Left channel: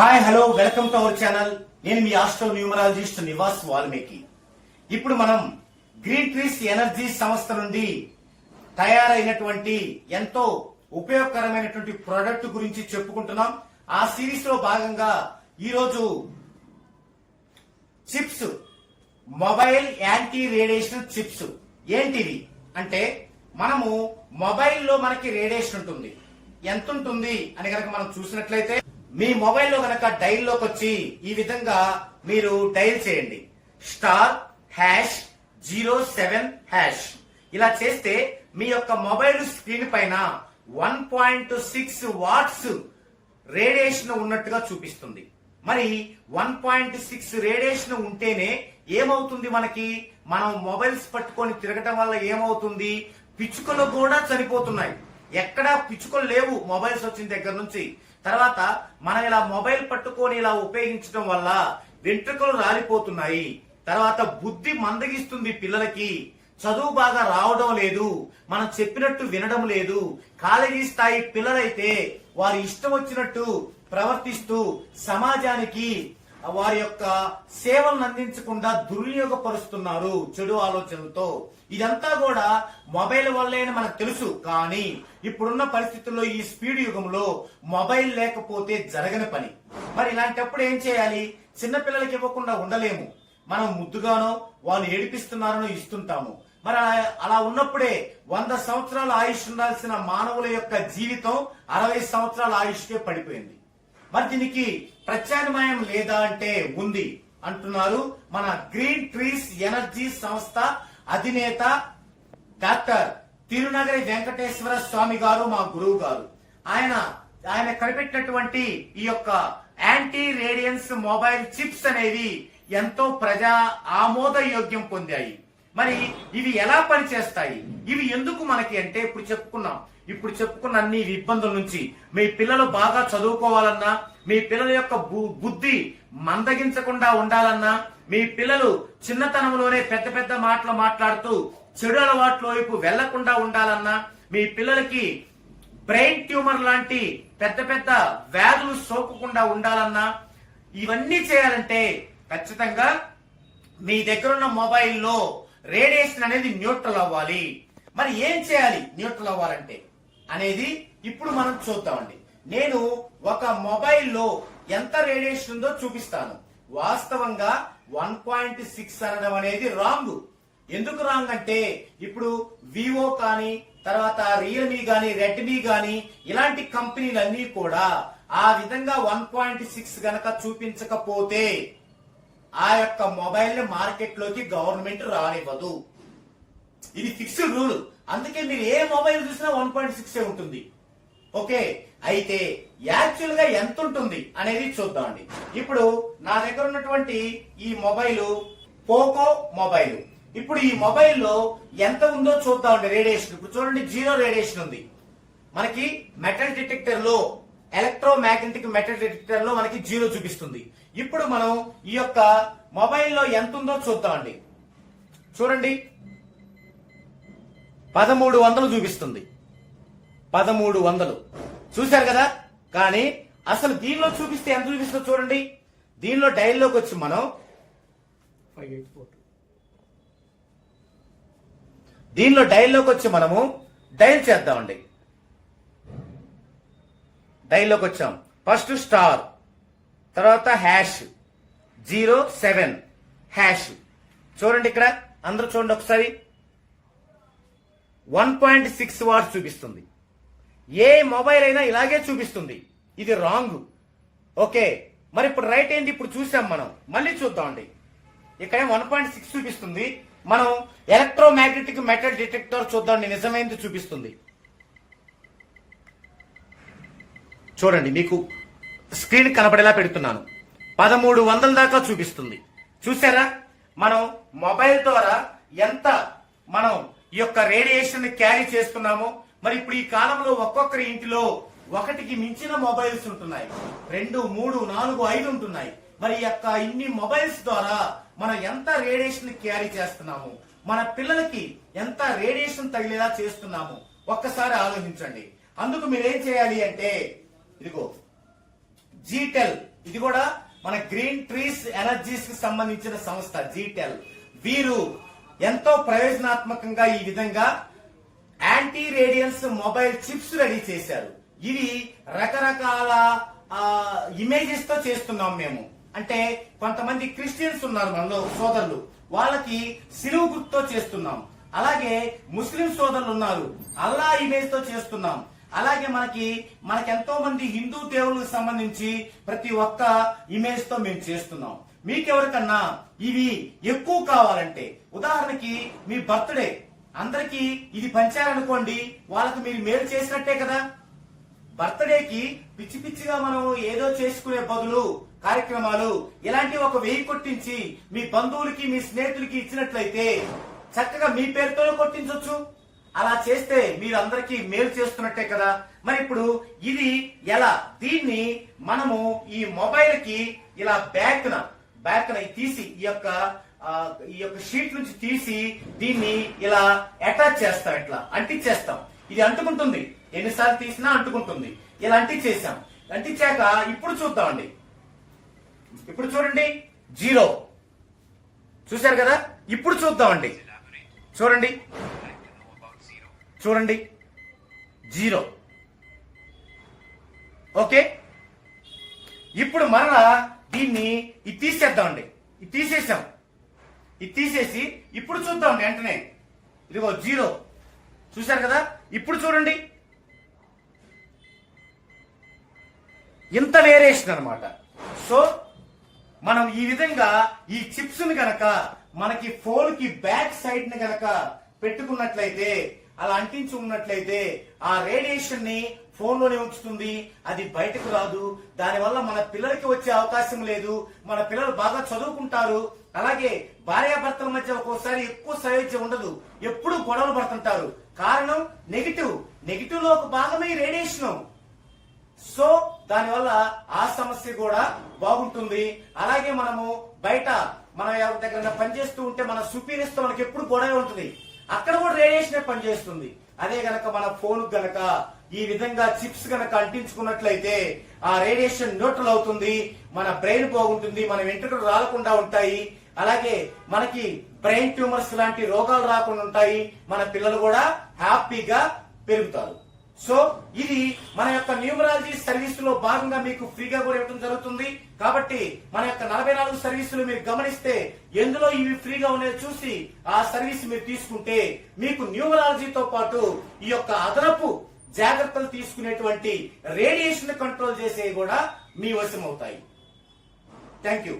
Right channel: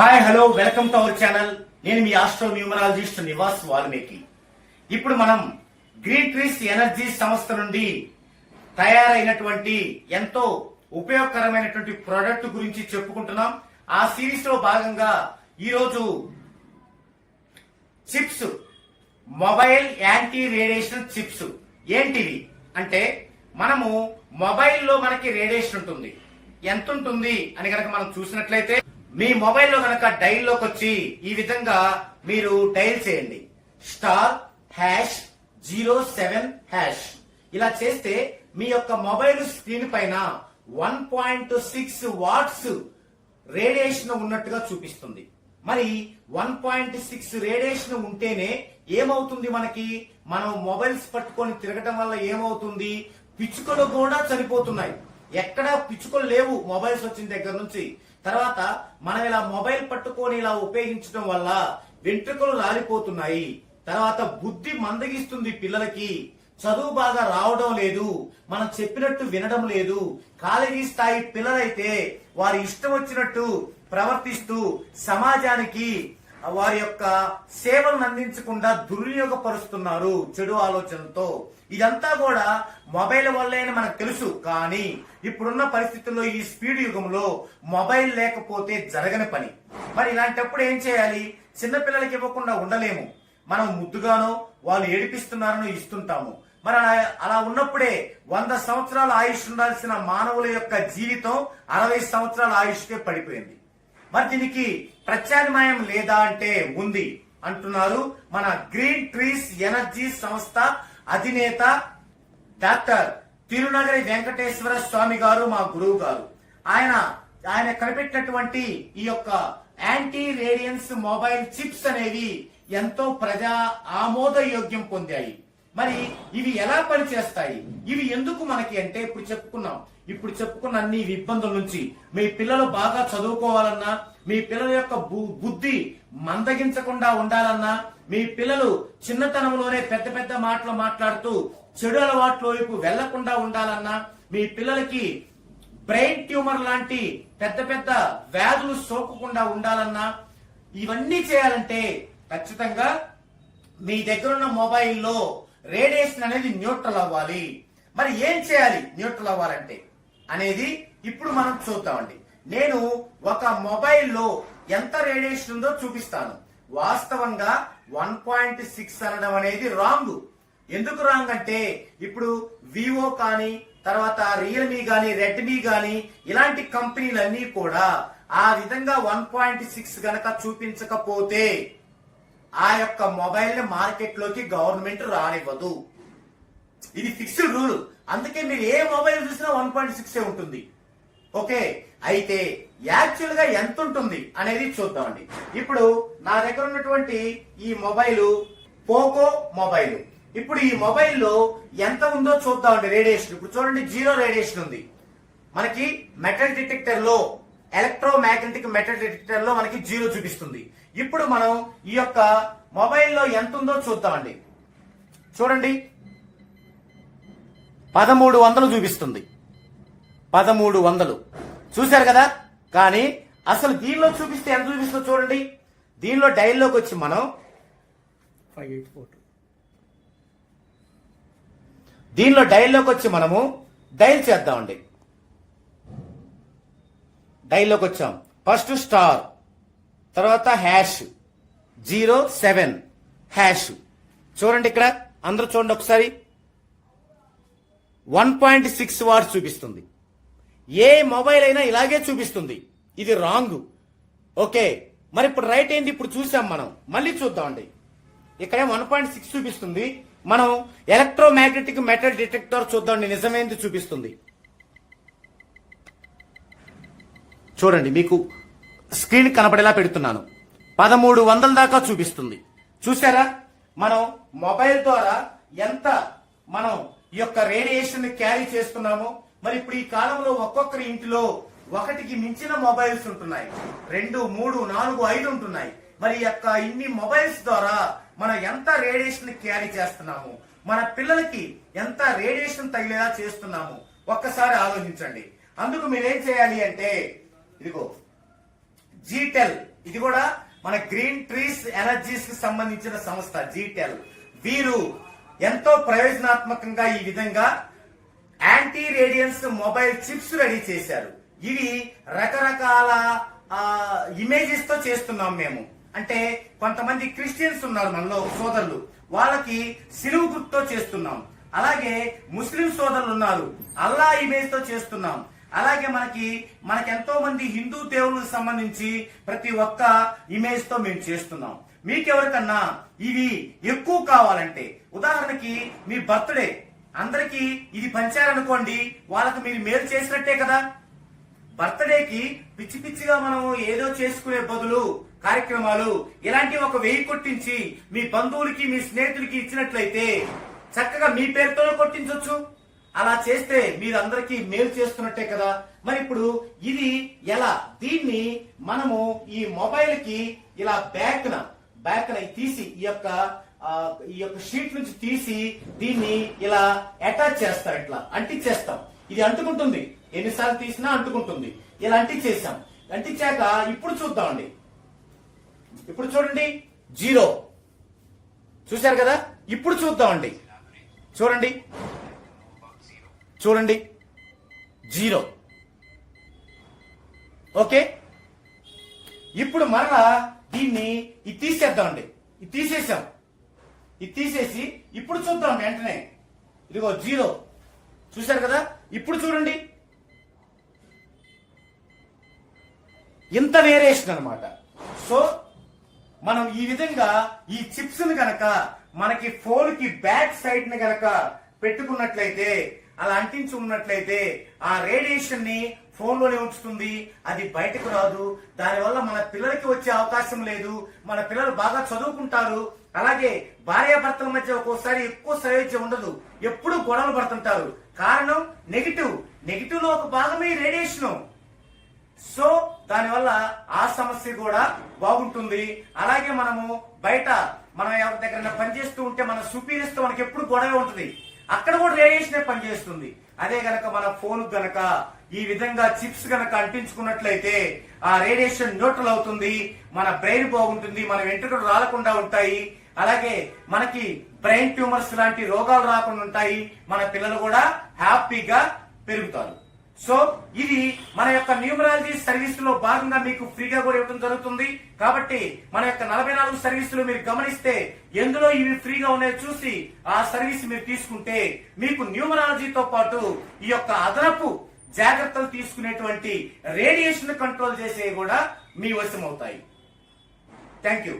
Hi hello welcome to our channel. నేను మీ astro numerologist Nivas Valmiki. ఇప్పుడు మనం గ్రీన్ ట్రీస్ ఎనర్జీ సంస్థ నుండి తయారైనటువంటి ఎంతో ఉపయోగకరమైనటువంటి ప్రోడక్ట్ గురించి చెప్పుకుంటున్నాం. ఆ సిరీస్ లో భాగంగా ఈరోజు chips, mobile anti radiation chips. ఏంటివి అంటే, మనము మొబైల్లో మనకి రేడియేషన్ ఉంటుంది. ఎంత ఉంటుంది అని కనుక మనం చూసినట్లయితే, మీ మొబైల్లో కనుక డైల్ లోకి వచ్చి ఈ విధంగా మీరు డైల్ చేయండి, *#07#. ఇలా చేస్తే మీ యొక్క మొబైల్ స్క్రీన్ పైన 1.6 వాట్స్ రేడియేషన్ ఉన్నట్టుగా చూపిస్తుంది. మరి 1.6 రేడియేషన్ ఉంటేనే ఏమవుతుంది, మనం మొబైల్స్ పట్టుకొని తిరగటం వల్ల ఏమవుతుంది, పిచ్చుకలు కూడా చనిపోతున్నాయి. ఎక్కడా పిచ్చుకలు లేవు మొబైల్స్ వచ్చిన దగ్గర నుంచి. తర్వాత మనం ఇలా మొబైల్ పట్టుకొని ఇలా ఉపయోగించడం వల్ల వెంట్రుకలు రాలిపోతున్నాయి. తర్వాత బుద్ధి మందగిస్తుంది, పిల్లలకి చదువు బాగా రావడం లేదు, మనం చెప్పినట్టు వినడం లేదు. కాలేజీ స్థాయి పిల్లలైతే వారి ఇష్టం వచ్చినట్టు ప్రవర్తిస్తూ సమాజానికి వారి యొక్క సేవలను అందించకుండా దుర్వినియోగపరుస్తున్నారు చెడు ఆలోచనలతో. ఇదంతా కూడా మొబైల్ వల్లే అని మనకు తెలుసు. కానీ ఇప్పుడున్న పరిస్థితుల్లో, ఈ స్పీడ్ యుగంలో మొబైల్ లేకపోతే జరగని పని. మరి ఇలాంటప్పుడు ఏం చేయాలి? చిన్నపిల్లలకి ఇవ్వకుండా ఉండలేము. మనం ముద్దుగానో వాళ్ళు ఏడిపిస్తున్నారనో ఇస్తుంటాము. మరి అలా ఉన్నప్పుడే 100 సంవత్సరాల ఆయుష్ ఉండాల్సిన మానవుల యొక్క జీవితం 60 సంవత్సరాల ఆయుష్కే పడిపోయింది. మరి దీనికి ప్రత్యామ్నాయం లేదా అంటే ఉంది అంటున్నారు మన గ్రీన్ ట్రీస్ ఎనర్జీ సంస్థ అధినేత డాక్టర్ తిరునగరి వెంకటేశ్వర స్వామి గారు, మా గురువు గారు. ఆయన కనిపెట్టినటువంటి ఈ యొక్క యాంటీ రేడియన్స్ మొబైల్ చిప్స్ అనేవి ఎంతో ప్రజా ఆమోదయోగ్యం పొందాయి. మరి ఇవి ఎలా పనిచేస్తాయి, ఇవి ఎందుకు మనకి అంటే, ఇప్పుడు చెప్పుకున్న అన్ని ఇబ్బందుల నుంచి మీ పిల్లలు బాగా చదువుకోవాలన్నా, మీ పిల్లల యొక్క బుద్ధి మందగించకుండా ఉండాలన్నా, మీ పిల్లలు చిన్నతనంలోనే పెద్ద పెద్ద మాటలు మాట్లాడుతూ చెడు అలవాట్ల వైపు వెళ్లకుండా ఉండాలన్నా, మీ పిల్లలకి బ్రెయిన్ ట్యూమర్ లాంటి పెద్ద పెద్ద వ్యాధులు సోకకుండా ఉండాలన్నా, ఇవన్నీ చేయాలంటే ఖచ్చితంగా మీ దగ్గరున్న మొబైల్లో రేడియేషన్ అనేది న్యూట్రల్ అవ్వాలి. మరి ఏం చేయాలి న్యూట్రల్ అవ్వాలంటే అనేది ఇప్పుడు మనం చూద్దామండి. నేను ఒక మొబైల్లో ఎంత రేడియేషన్ ఉందో చూపిస్తాను. వాస్తవంగా 1.6 అనడం అనేది రాంగ్. ఎందుకు రాంగ్ అంటే, ఇప్పుడు వివో కానీ, తర్వాత రియల్మీ కానీ, రెడ్మీ కానీ, ఇలాంటి కంపెనీలన్నీ కూడా ఆ విధంగా 1.6 గనక చూపించకపోతే ఆ యొక్క మొబైల్ ని మార్కెట్ లోకి గవర్నమెంట్ రానివ్వదు. ఇది ఫిక్స్డ్ రూల్. అందుకే మీరు ఏ మొబైల్ చూసినా 1.6 ఉంటుంది. ఓకే, అయితే యాక్చువల్ గా ఎంత ఉంటుంది అనేది చూద్దామండి. ఇప్పుడు నా దగ్గర ఉన్నటువంటి ఈ మొబైల్ పోకో మొబైల్. ఇప్పుడు ఈ మొబైల్లో ఎంత ఉందో చూద్దామండి రేడియేషన్. ఇప్పుడు చూడండి, 0 రేడియేషన్ ఉంది. మనకి మెటల్ డిటెక్టర్ లో, ఎలక్ట్రోమాగ్నెటిక్ మెటల్ డిటెక్టర్ లో మనకి 0 చూపిస్తుంది. ఇప్పుడు మనం ఈ యొక్క మొబైల్లో ఎంత ఉందో చూద్దామండి. చూడండి, 1300 చూపిస్తుంది. 1300 చూశారు కదా. కానీ అసలు దీనిలో చూపిస్తే ఎంత చూపిస్తుందో చూడండి. దీనిలో డైల్లోకి వచ్చి మనం 584, దీనిలో డైల్లోకి వచ్చి మనము డైల్ చేద్దామండి. డైల్లోకి వచ్చాం. ఫస్ట్ స్టార్, తర్వాత #07#. చూడండి, ఇక్కడ అందరూ చూడండి ఒకసారి. 1.6 వాట్స్ చూపిస్తుంది. ఏ మొబైల్ అయినా ఇలాగే చూపిస్తుంది. ఇది రాంగ్. ఓకే, మరి ఇప్పుడు రైట్ ఏంది? ఇప్పుడు చూసాం మనం, మళ్ళీ చూద్దామండి. ఇక్కడ 1.6 చూపిస్తుంది. మనం ఎలక్ట్రోమాగ్నెటిక్ మెటల్ డిటెక్టర్ చూద్దామండి, నిజమైంది చూపిస్తుంది. చూడండి, మీకు స్క్రీన్ కనపడేలా పెడుతున్నాను. 1300 దాకా చూపిస్తుంది. చూసారా, మనం మొబైల్ ద్వారా ఎంత మనం ఈ యొక్క రేడియేషన్ క్యారీ చేస్తున్నామో. మరి ఇప్పుడు ఈ కాలంలో ఒక్కొక్కరి ఇంటిలో ఒకటికి మించిన మొబైల్స్ ఉంటున్నాయి. 2, 3, 4, 5 ఉంటున్నాయి. మరి ఈ యొక్క ఇన్ని మొబైల్స్ ద్వారా మనం ఎంత రేడియేషన్ క్యారీ చేస్తున్నాము, మన పిల్లలకి ఎంత రేడియేషన్ తగిలేలా చేస్తున్నాము, ఒక్కసారి ఆలోచించండి. అందుకు మీరేం చేయాలి అంటే, ఇదిగో జీటెల్ ఇది కూడా మన గ్రీన్ ట్రీస్ ఎనర్జీస్ కి సంబంధించిన సంస్థ జీటెల్. వీరు ఎంతో ప్రయోజనాత్మకంగా ఈ విధంగా anti radiance mobile chips ready చేశారు. ఇవి రకరకాల ఇమేజెస్ తో చేస్తున్నాం మేము. అంటే కొంతమంది క్రిస్టియన్స్ ఉన్నారు మనలో సోదరులు, వాళ్ళకి సిలువు గుర్తుతో చేస్తున్నాం. అలాగే ముస్లిం సోదరులు ఉన్నారు, అల్లా ఇమేజ్ తో చేస్తున్నాం. అలాగే మనకెంతో మంది హిందూ దేవుళ్ళకు సంబంధించి ప్రతి ఒక్క ఇమేజ్ తో మేము చేస్తున్నాం. మీకెవరికన్నా ఇవి ఎక్కువ కావాలంటే, ఉదాహరణకి మీ బర్త్డే అందరికి ఇది పంచారనుకోండి, వాళ్ళకి మీరు మేలు చేసినట్టే కదా. బర్త్డేకి పిచ్చి పిచ్చిగా మనం ఏదో చేసుకునే బదులు కార్యక్రమాలు ఇలాంటివి ఒక 1000 కొట్టించి మీ బంధువులకి మీ స్నేహితులకి ఇచ్చినట్లయితే చక్కగా మీ పేరుతోనే కొట్టించవచ్చు. అలా చేస్తే మీరు అందరికీ మేలు చేస్తున్నట్టే కదా. మరి ఇప్పుడు ఇది ఎలా, దీన్ని మనము ఈ మొబైల్ కి ఇలా బ్యాక్ న తీసి ఈ యొక్క షీట్ నుంచి తీసి దీన్ని ఇలా అటాచ్ చేస్తాం, ఇట్లా అంటించేస్తాం. ఇది అంటుకుంటుంది, ఎన్నిసార్లు తీసినా అంటుకుంటుంది. ఇలా అంటించేసాం. అంటించాక ఇప్పుడు చూద్దామండి. ఇప్పుడు చూడండి 0 చూశారు కదా. ఇప్పుడు చూద్దామండి. చూడండి 0. ఓకే, ఇప్పుడు మరలా దీన్ని ఇది తీసేద్దామండి. ఇది తీసేసాం. ఇది తీసేసి ఇప్పుడు చూద్దామండి. వెంటనే ఇదిగో 0 చూశారు కదా. ఇప్పుడు చూడండి, ఇంత వేరియేషన్ అన్నమాట. సో మనం ఈ విధంగా ఈ చిప్స్ ని గనక మనకి ఫోన్ కి బ్యాక్ సైడ్ ని గనక పెట్టుకున్నట్లయితే, అలా అంటించి ఉన్నట్లయితే ఆ రేడియేషన్ ని ఫోన్ లోనే ఉంచుతుంది, అది బయటకు రాదు. దానివల్ల మన పిల్లలకి వచ్చే అవకాశం లేదు. మన పిల్లలు బాగా చదువుకుంటారు. అలాగే భార్యాభర్తల మధ్య ఒక్కోసారి ఎక్కువ సయోధ్య ఉండదు, ఎప్పుడు గొడవలు పడుతుంటారు. కారణం నెగిటివ్ లో ఒక భాగమే రేడియేషన్. సో దానివల్ల ఆ సమస్య కూడా బాగుంటుంది. అలాగే మనము బయట మనం ఎవరి దగ్గర పనిచేస్తూ ఉంటే మన సుపీరియర్స్ తో మనకి ఎప్పుడు గొడవ ఉంటుంది, అక్కడ కూడా రేడియేషన్ పనిచేస్తుంది. అదే గనక మన ఫోన్ గనక ఈ విధంగా చిప్స్ గనక అంటించుకున్నట్లయితే ఆ రేడియేషన్ న్యూట్రల్ అవుతుంది, మన బ్రెయిన్ బాగుంటుంది, మన వెంట్రుకలు రాలకుండా ఉంటాయి. అలాగే మనకి బ్రెయిన్ ట్యూమర్స్ లాంటి రోగాలు రాకుండా ఉంటాయి. మన పిల్లలు కూడా హ్యాపీగా పెరుగుతారు. సో ఇది మన యొక్క న్యూమరాలజీ సర్వీస్ లో భాగంగా మీకు ఫ్రీగా కూడా ఇవ్వడం జరుగుతుంది. కాబట్టి మన యొక్క 44 సర్వీసులు మీరు గమనిస్తే ఎందులో ఇవి ఫ్రీగా ఉన్నాయో చూసి ఆ సర్వీస్ మీరు తీసుకుంటే మీకు న్యూమరాలజీతో పాటు ఈ యొక్క అదనపు జాగ్రత్తలు తీసుకునేటువంటి రేడియేషన్ కంట్రోల్ చేసేవి కూడా మీ వశం అవుతాయి. Thank you.